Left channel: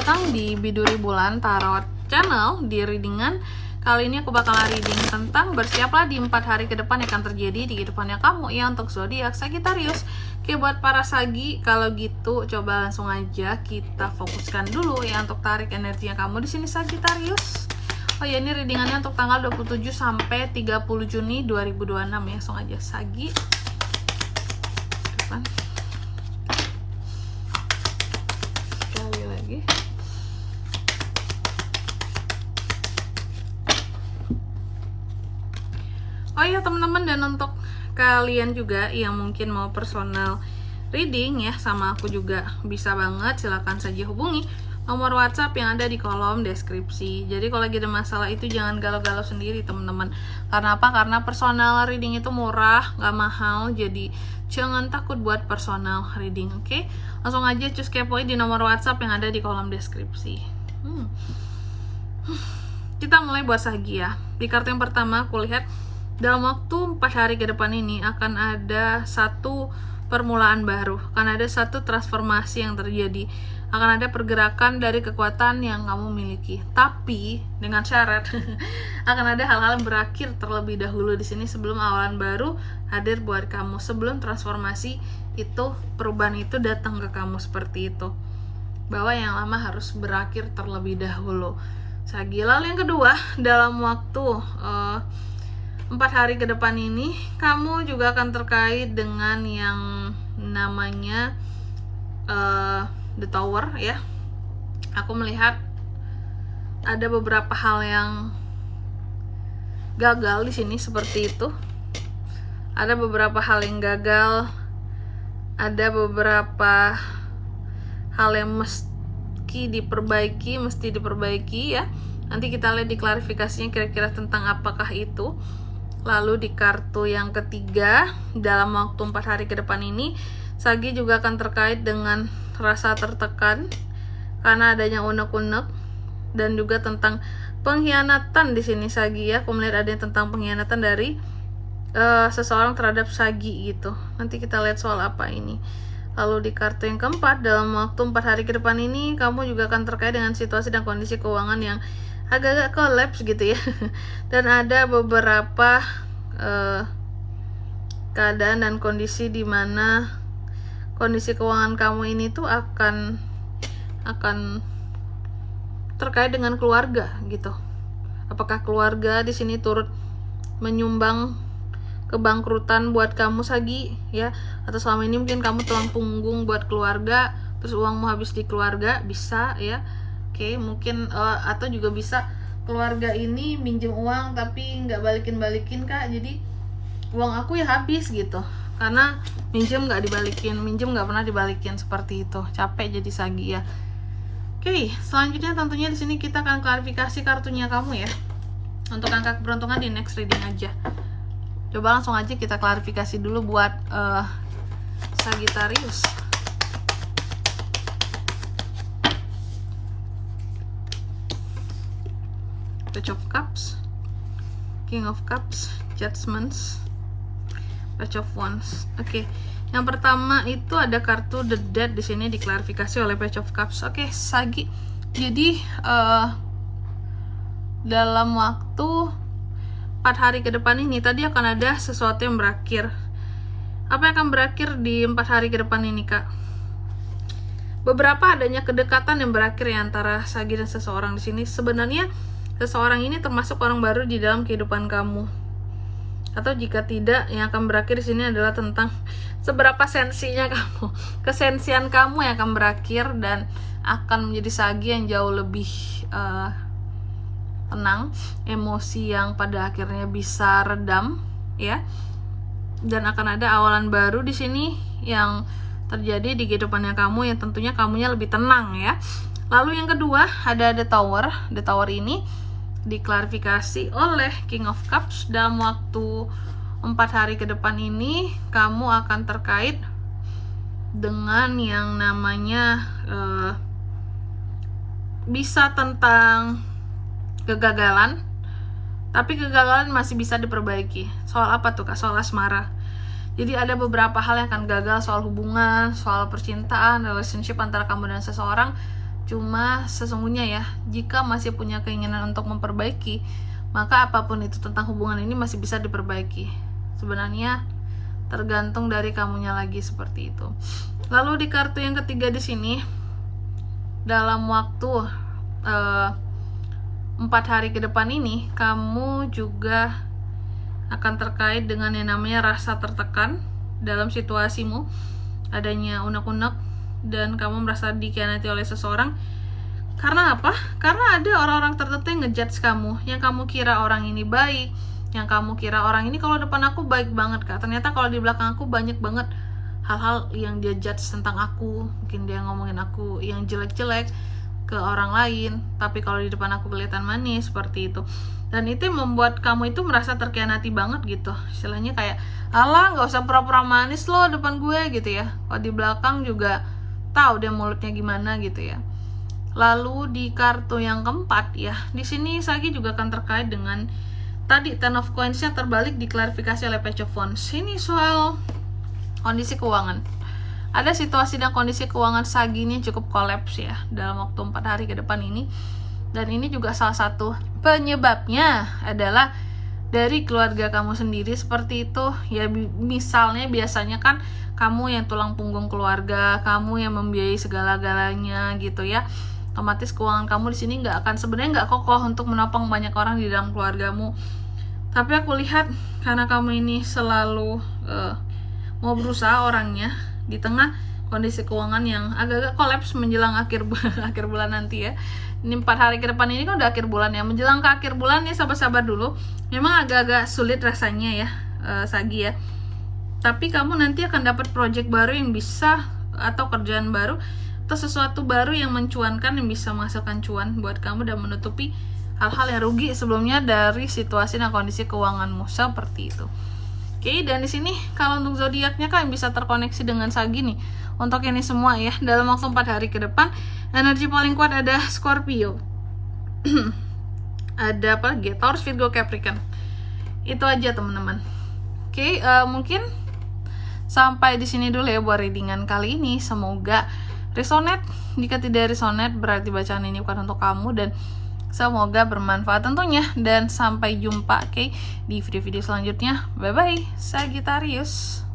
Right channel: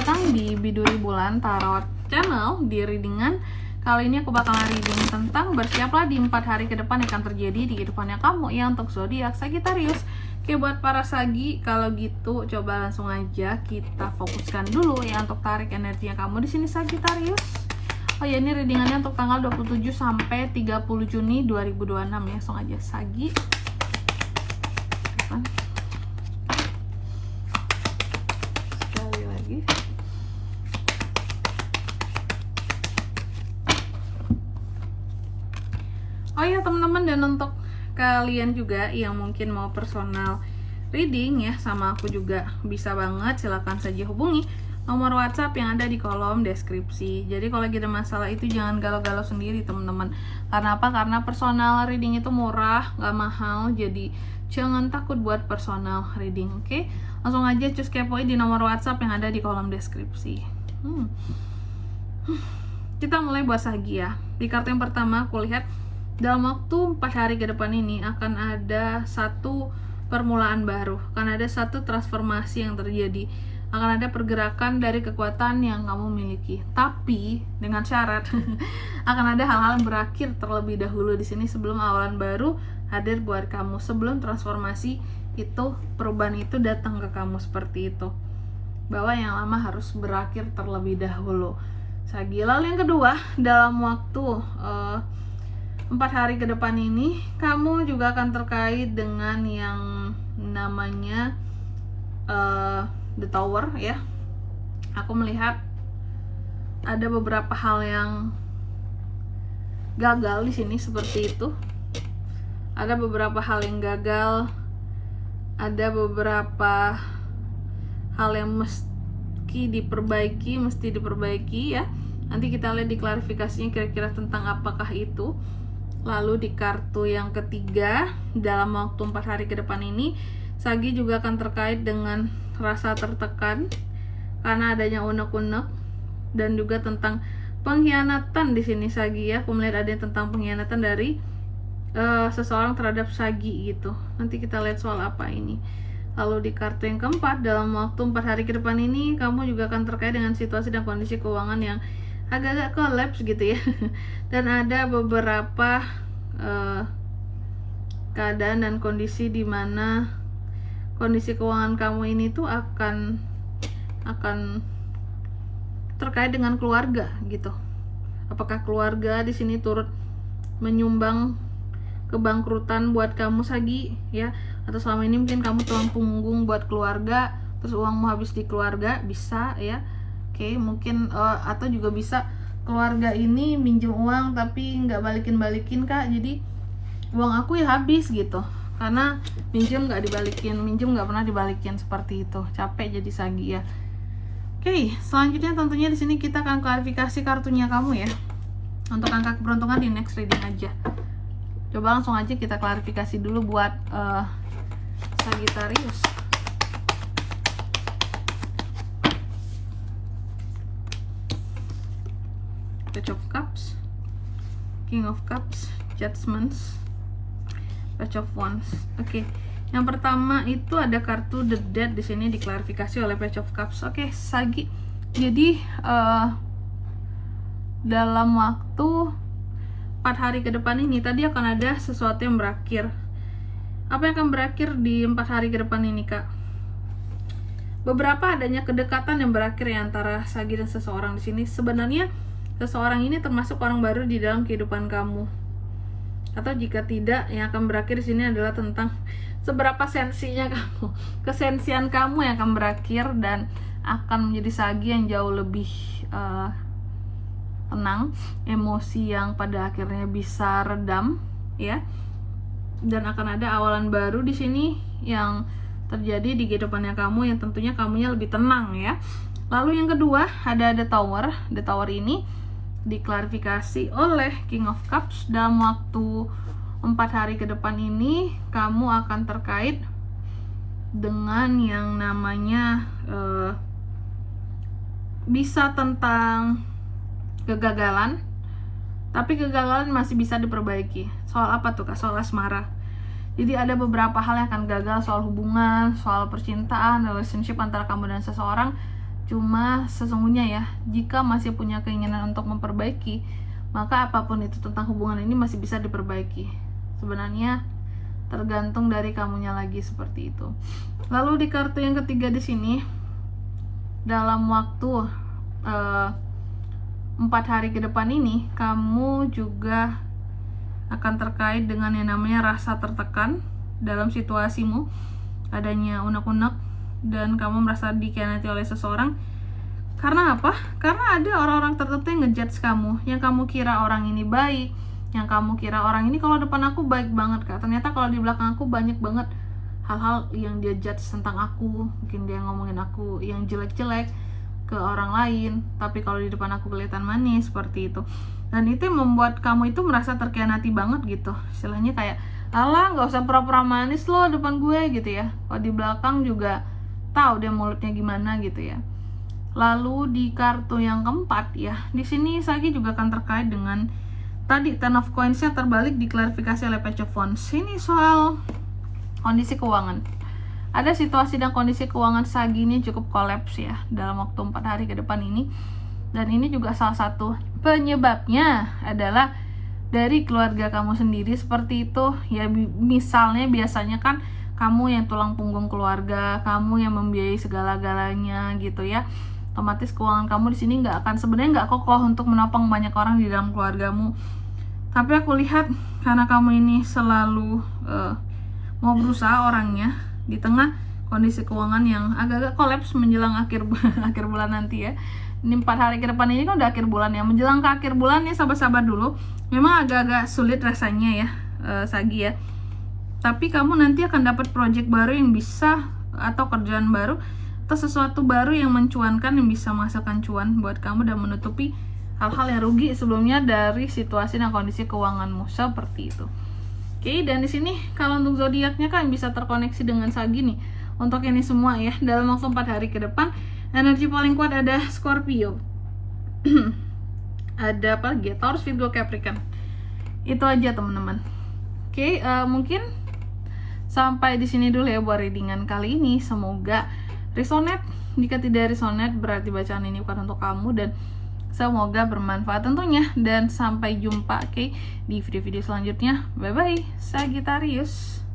datang di Biduri Bulan Tarot Channel. Di readingan kali ini aku bakalan reading tentang bersiaplah di 4 hari ke depan yang akan terjadi di kehidupannya kamu ya untuk zodiak Sagittarius. Oke, buat para Sagi, kalau gitu coba langsung aja kita fokuskan dulu ya untuk tarik energinya kamu di sini Sagittarius. Oh ya, ini readingannya untuk tanggal 27 sampai 30 Juni 2026 ya. Langsung aja Sagi. Depan. Sekali lagi. Oh ya teman-teman, dan untuk kalian juga yang mungkin mau personal reading ya sama aku juga bisa banget, silahkan saja hubungi nomor WhatsApp yang ada di kolom deskripsi. Jadi kalau lagi ada masalah itu jangan galau-galau sendiri teman-teman. Karena apa? Karena personal reading itu murah, gak mahal. Jadi jangan takut buat personal reading, oke? Langsung aja cus kepoin di nomor WhatsApp yang ada di kolom deskripsi. Kita mulai buat Sagi ya. Di kartu yang pertama aku lihat dalam waktu 4 hari ke depan ini akan ada satu permulaan baru, akan ada satu transformasi yang terjadi, akan ada pergerakan dari kekuatan yang kamu miliki. Tapi dengan syarat akan ada hal-hal yang berakhir terlebih dahulu di sini sebelum awalan baru hadir buat kamu, sebelum transformasi itu, perubahan itu datang ke kamu seperti itu. Bahwa yang lama harus berakhir terlebih dahulu. Sagi. Lalu yang kedua, dalam waktu 4 hari ke depan ini kamu juga akan terkait dengan yang namanya The Tower ya. Aku melihat ada beberapa hal yang gagal di sini seperti itu. Ada beberapa hal yang gagal, ada beberapa hal yang mesti diperbaiki ya. Nanti kita lihat di klarifikasinya kira-kira tentang apakah itu. Lalu di kartu yang ketiga, dalam waktu 4 hari ke depan ini Sagi juga akan terkait dengan rasa tertekan karena adanya unek-unek, dan juga tentang pengkhianatan di sini Sagi ya. Aku melihat ada tentang pengkhianatan dari seseorang terhadap Sagi gitu. Nanti kita lihat soal apa ini. Lalu di kartu yang keempat, dalam waktu 4 hari ke depan ini kamu juga akan terkait dengan situasi dan kondisi keuangan yang agak-agak collapse gitu ya. Dan ada beberapa keadaan dan kondisi di mana kondisi keuangan kamu ini tuh akan terkait dengan keluarga gitu. Apakah keluarga di sini turut menyumbang kebangkrutan buat kamu Sagi ya, atau selama ini mungkin kamu tulang punggung buat keluarga, terus uangmu habis di keluarga, bisa ya. Oke, mungkin atau juga bisa keluarga ini minjem uang tapi nggak balikin kak, jadi uang aku ya habis gitu karena minjem nggak pernah dibalikin, seperti itu. Capek jadi Sagi ya. Oke, selanjutnya tentunya di sini kita akan klarifikasi kartunya kamu ya. Untuk angka keberuntungan di next reading aja. Coba langsung aja kita klarifikasi dulu buat Sagittarius. Page of Cups, King of Cups, Judgments, Page of Wands. Oke, yang pertama itu ada kartu The Dead di sini diklarifikasi oleh Page of Cups. Oke, Sagi. Jadi dalam waktu 4 hari ke depan ini tadi akan ada sesuatu yang berakhir. Apa yang akan berakhir di 4 hari ke depan ini, Kak? Beberapa adanya kedekatan yang berakhir ya antara Sagi dan seseorang di sini. Sebenarnya seseorang ini termasuk orang baru di dalam kehidupan kamu. Atau jika tidak, yang akan berakhir di sini adalah tentang seberapa sensinya kamu, kesensian kamu yang akan berakhir dan akan menjadi Sagi yang jauh lebih tenang, emosi yang pada akhirnya bisa redam ya. Dan akan ada awalan baru di sini yang terjadi di kehidupannya kamu yang tentunya kamunya lebih tenang ya. Lalu yang kedua ada The Tower. The Tower ini diklarifikasi oleh King of Cups. Dalam waktu 4 hari ke depan ini kamu akan terkait dengan yang namanya bisa tentang kegagalan, tapi kegagalan masih bisa diperbaiki. Soal apa tuh Kak? Soal asmara. Jadi ada beberapa hal yang akan gagal, soal hubungan, soal percintaan, relationship antara kamu dan seseorang. Cuma sesungguhnya ya, jika masih punya keinginan untuk memperbaiki, maka apapun itu tentang hubungan ini masih bisa diperbaiki. Sebenarnya tergantung dari kamunya lagi seperti itu. Lalu di kartu yang ketiga di sini, dalam waktu 4 hari ke depan ini, kamu juga akan terkait dengan yang namanya rasa tertekan dalam situasimu, adanya unek-unek, dan kamu merasa dikhianati oleh seseorang. Karena apa? Karena ada orang-orang tertentu yang ngejudge kamu, yang kamu kira orang ini baik, yang kamu kira orang ini kalau depan aku baik banget Kak, ternyata kalau di belakang aku banyak banget hal-hal yang dia judge tentang aku. Mungkin dia ngomongin aku yang jelek-jelek ke orang lain, tapi kalau di depan aku kelihatan manis, seperti itu. Dan itu yang membuat kamu itu merasa terkhianati banget gitu. Istilahnya kayak, alah gak usah pura-pura manis lo depan gue gitu ya, kalau di belakang juga tahu dia mulutnya gimana gitu ya. Lalu di kartu yang keempat ya, di sini Sagi juga akan terkait dengan tadi Ten of Coins-nya terbalik diklarifikasi oleh Page of Wands. Ini soal kondisi keuangan. Ada situasi dan kondisi keuangan Sagi ini cukup kolaps ya dalam waktu 4 hari ke depan ini. Dan ini juga salah satu penyebabnya adalah dari keluarga kamu sendiri seperti itu. Ya misalnya biasanya kan kamu yang tulang punggung keluarga, kamu yang membiayai segala-galanya gitu ya. Otomatis keuangan kamu di sini sebenarnya nggak kokoh untuk menopang banyak orang di dalam keluargamu. Tapi aku lihat karena kamu ini selalu mau berusaha orangnya di tengah kondisi keuangan yang agak-agak kolaps menjelang akhir bulan nanti ya. Ini 4 hari ke depan ini kan udah akhir bulan ya. Menjelang ke akhir bulan ya sabar-sabar dulu. Memang agak-agak sulit rasanya ya Sagi ya. Tapi kamu nanti akan dapat project baru yang bisa, atau kerjaan baru, atau sesuatu baru yang mencuankan, yang bisa menghasilkan cuan buat kamu dan menutupi hal-hal yang rugi sebelumnya dari situasi dan kondisi keuanganmu seperti itu. Oke, dan di sini kalau untuk zodiaknya kan bisa terkoneksi dengan Sagi nih. Untuk ini semua ya, dalam waktu 4 hari ke depan, energi paling kuat ada Scorpio. Ada apa lagi? Taurus, Virgo, Capricorn. Itu aja teman-teman. Oke, mungkin sampai di sini dulu ya buat readingan kali ini. Semoga resonate. Jika tidak resonate berarti bacaan ini bukan untuk kamu, dan semoga bermanfaat tentunya. Dan sampai jumpa di video-video selanjutnya. Bye bye Sagittarius.